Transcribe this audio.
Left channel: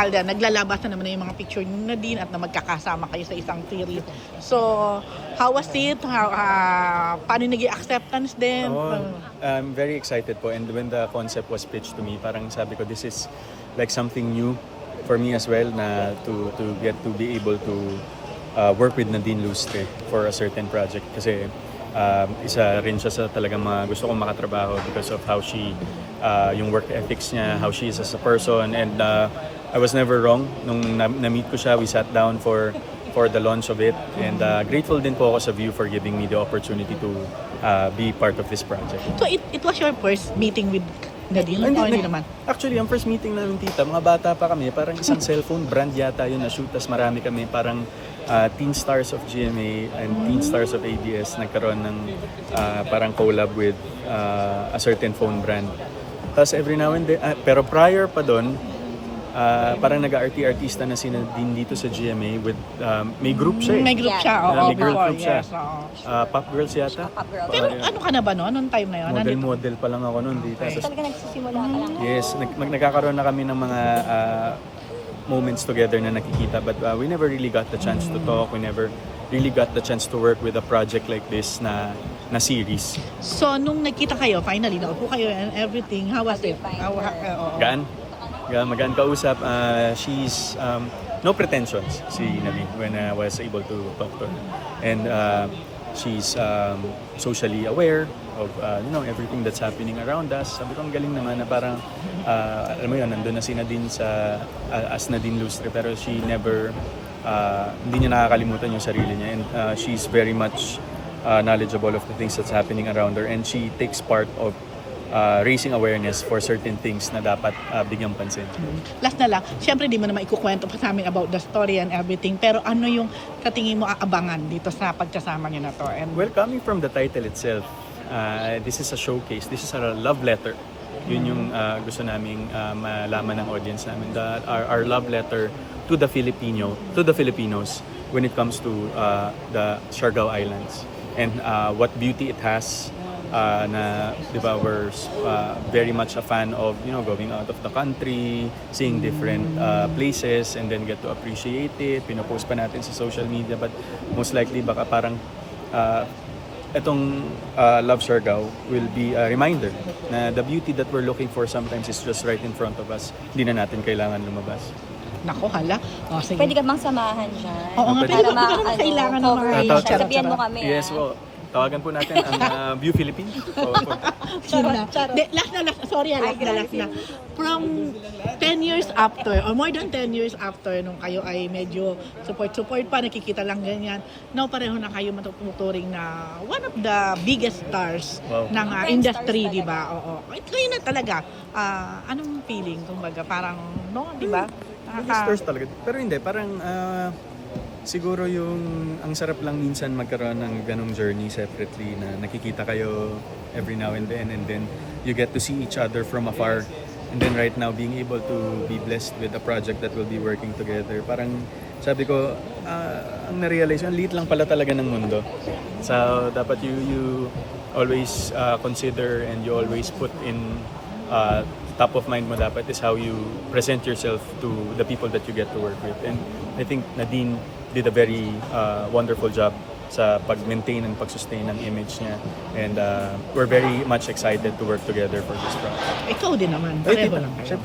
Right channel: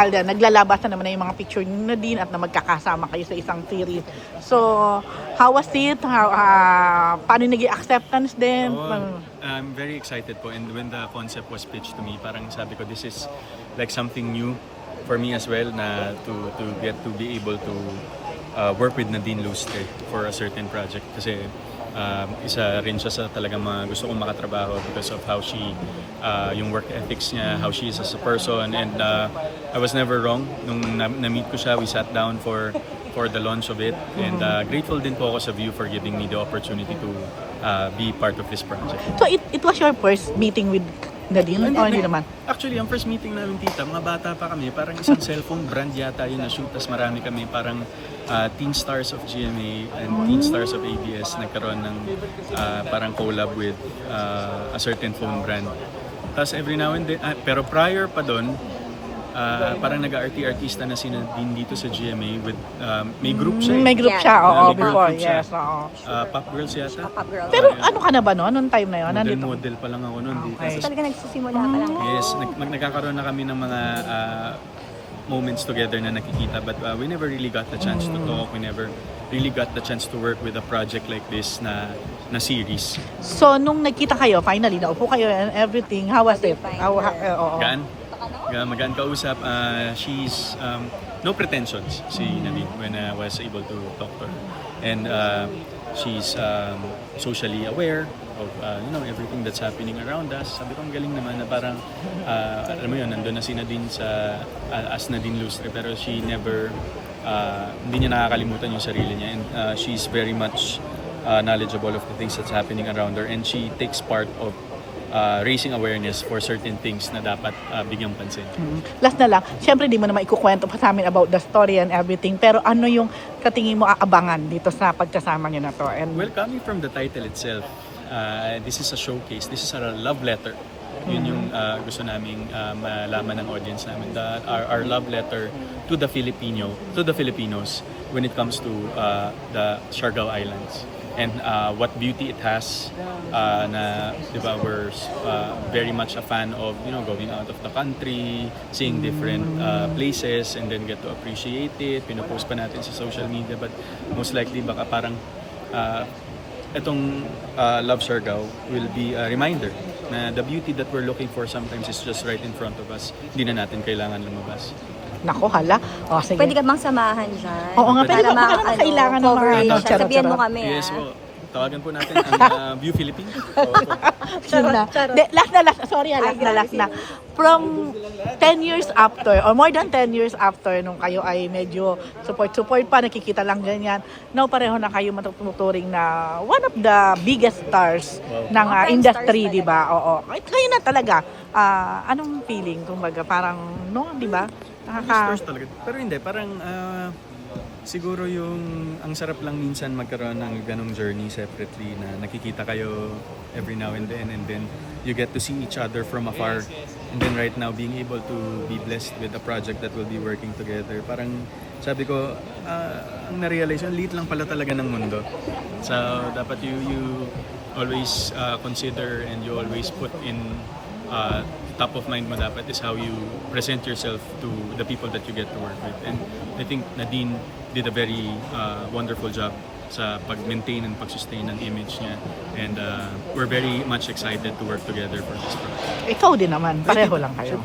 Alden, naglalabasan naman na yung mga picture ni Nadine at na magkakasama kayo sa isang series. So, how was it? Paano naging acceptance din? I'm very excited po, and when the concept was pitched to me, parang sabi ko, this is like something new for me as well, na to get to be able to work with Nadine Lustre for a certain project, kasi isa rin siya sa talagang mga gusto kong makatrabaho because of how she, yung work ethics niya, how she is as a person, and I was never wrong. Nung na-meet ko siya, we sat down for the launch of it, and grateful din po ako sa View for giving me the opportunity to be part of this project. So, it was your first meeting with Nadine? Hindi naman? Actually, ang first meeting namin, tita, mga bata pa kami, parang isang cellphone brand yata yun na shoot, tas marami kami, parang Teen Stars of GMA and Teen Stars of ABS nagkaroon ng parang collab with a certain phone brand. Tapos every now and then, pero prior pa doon, parang nag-artista na si Nadine dito sa GMA with, may group siya eh. May group siya, oo, may girl before, group siya. yes, oo. Pop Girls yata. Pero ano ka na ba noon? Noong time na yun? Model pa lang ako noon dito. Okay. Yes, nagkakaroon na kami ng mga moments together na nakikita, but we never really got the chance to talk. We never really got the chance to work with a project like this na series. So, nung nagkita kayo, finally, naupo kayo and everything, how was it? Gaan magaan kausap. She's no pretensions, si Nadine, when I was able to talk to her. And she's socially aware of everything that's happening around us. Sabi ko, ang galing naman na parang alam mo yun, nandun na si Nadine as Nadine Lustre, pero she never hindi niya nakakalimutan yung sarili niya, and she's very much knowledgeable of the things that's happening around her, and she takes part of raising awareness for certain things na dapat bigyang pansin. Last na lang, syempre di mo naman ikukwento pa sa amin about the story and everything, pero ano yung sa tingin mo aabangan dito sa pagkasama niyo na to? And Well, coming from the title itself, this is a showcase, this is a love letter. Yun yung gusto naming malaman ng audience namin. Our love letter to the Filipinos when it comes to the Siargao Islands, and what beauty it has. Na, di ba, we're very much a fan of going out of the country, seeing different places, and then get to appreciate it. Pinopost pa natin sa social media, but most likely baka parang itong Love Siargao will be a reminder na the beauty that we're looking for sometimes is just right in front of us. Hindi na natin kailangan lumabas. Nako, hala. O, sige. Pwede ka bang samahan siya? Oo nga, pwede baka naman kailangan ng mga Sabihan mo kami. Yes po. Tawagan po natin ang View Philippines. Yun na. Last na. From 10 years after, or more than 10 years after, nung kayo ay medyo support pa, nakikita lang ganyan, now pareho na kayo matuturing na one of the biggest stars ng industry, di ba? Oo. Kayo na talaga. Anong feeling? Kumbaga, parang, no, di ba? Stars talaga. Pero hindi, parang siguro ang sarap lang minsan magkaroon ng ganong journey separately, na nakikita kayo every now and then you get to see each other from afar, and then right now being able to be blessed with a project that will be working together. Parang sabi ko, ang na-realize, ang liit lang pala talaga ng mundo. So dapat you always consider, and you always put in top of mind mo dapat is how you present yourself to the people that you get to work with. And I think Nadine did a very wonderful job sa pag-maintain and pag-sustain ng image niya. And we're very much excited to work together for this project. Ikaw din naman. Pareho lang kayo.